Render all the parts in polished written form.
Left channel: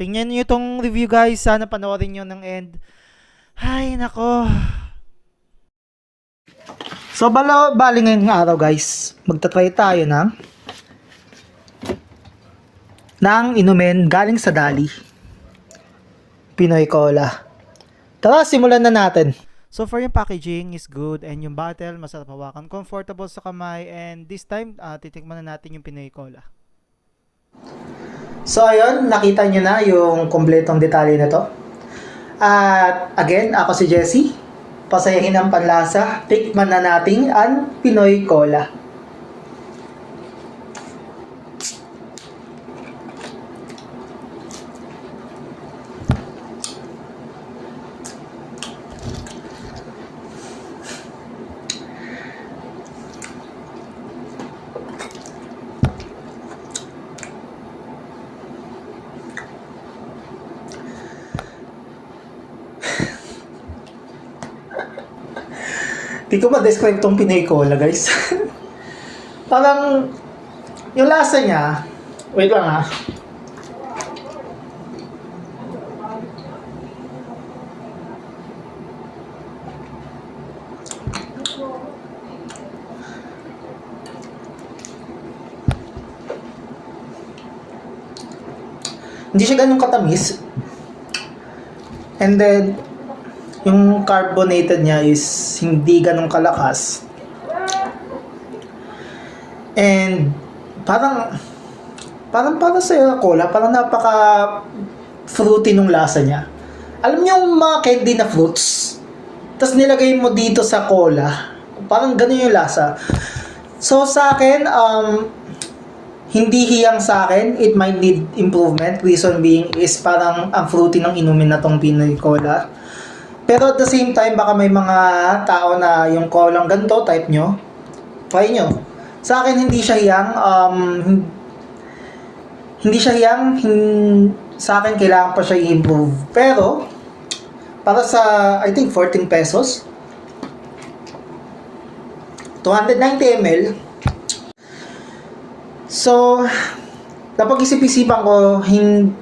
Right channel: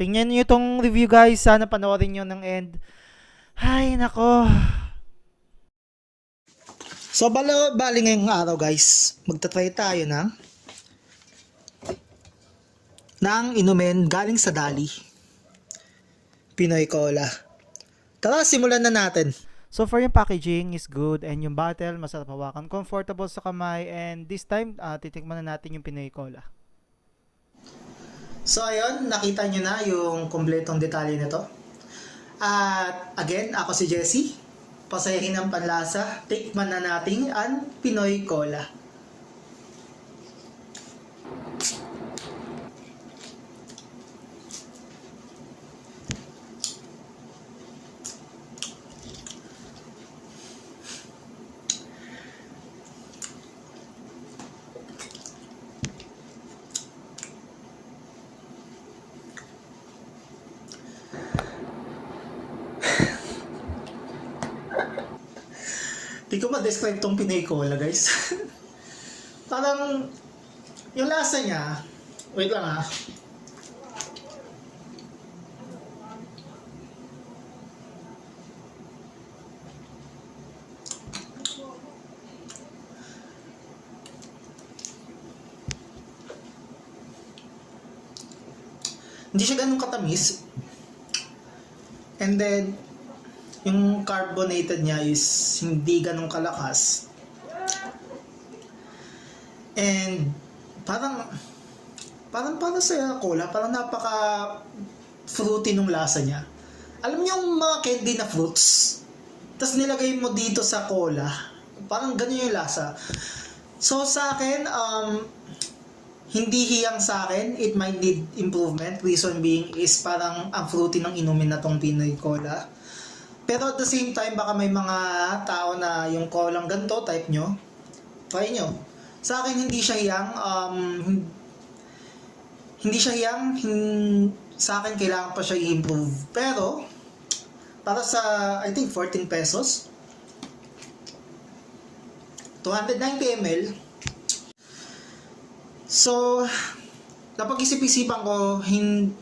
Tingnan niyo itong review guys. Sana panoorin niyo ng end. Ay, nako. So, bali ngayong araw guys, magta-try tayo ng inumin galing sa Dali. Pinoy Cola. Tara, simulan na natin. So, for yung packaging is good and yung bottle, masarap hawakan, comfortable sa kamay, and this time, titikman na natin yung Pinoy Cola. So, ayun, nakita nyo na yung kompletong detalye na to. At, again, ako si Jesse. Pasayahin ang panlasa, tikman na natin ang Pinoy Cola. Di ko ma-describe tong Pinoy Cola, guys. Parang, yung lasa niya, wait lang ha. Hindi siya ganun katamis. And then, yung carbonated niya is hindi ganun kalakas. And parang para sa cola, parang napaka fruity nung lasa niya. Alam niyo yung mga candy na fruits, tapos nilagay mo dito sa cola, parang ganun yung lasa. So sa akin, hindi hiyang sa akin, it might need improvement. Reason being is parang ang fruity ng inumin na tong Pinoy Cola. Pero at the same time, baka may mga tao na yung colang ganito, type nyo, try nyo. Sa akin, hindi siya hiyang, sa akin, kailangan pa siya i-improve. Pero, para sa, I think, 14 pesos, 290 ml, so, kapag isip-isipan ko,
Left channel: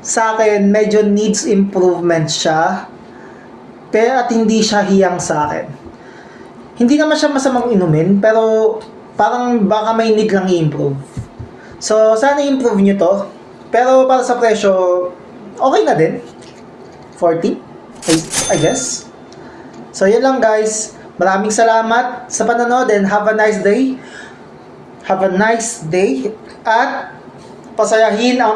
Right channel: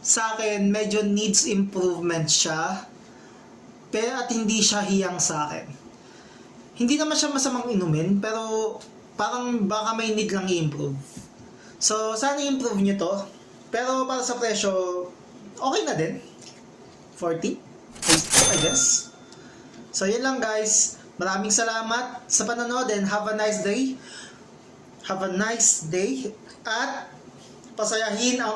sa akin, medyo needs improvement siya. Pero at hindi siya hiyang sa akin. Hindi naman siya masamang inumin, pero parang baka may need lang i-improve. So, sana i-improve nyo to. Pero para sa presyo, okay na din. 40, I guess. So, yun lang guys. Maraming salamat sa panonood and have a nice day. Have a nice day. At pasayahin ang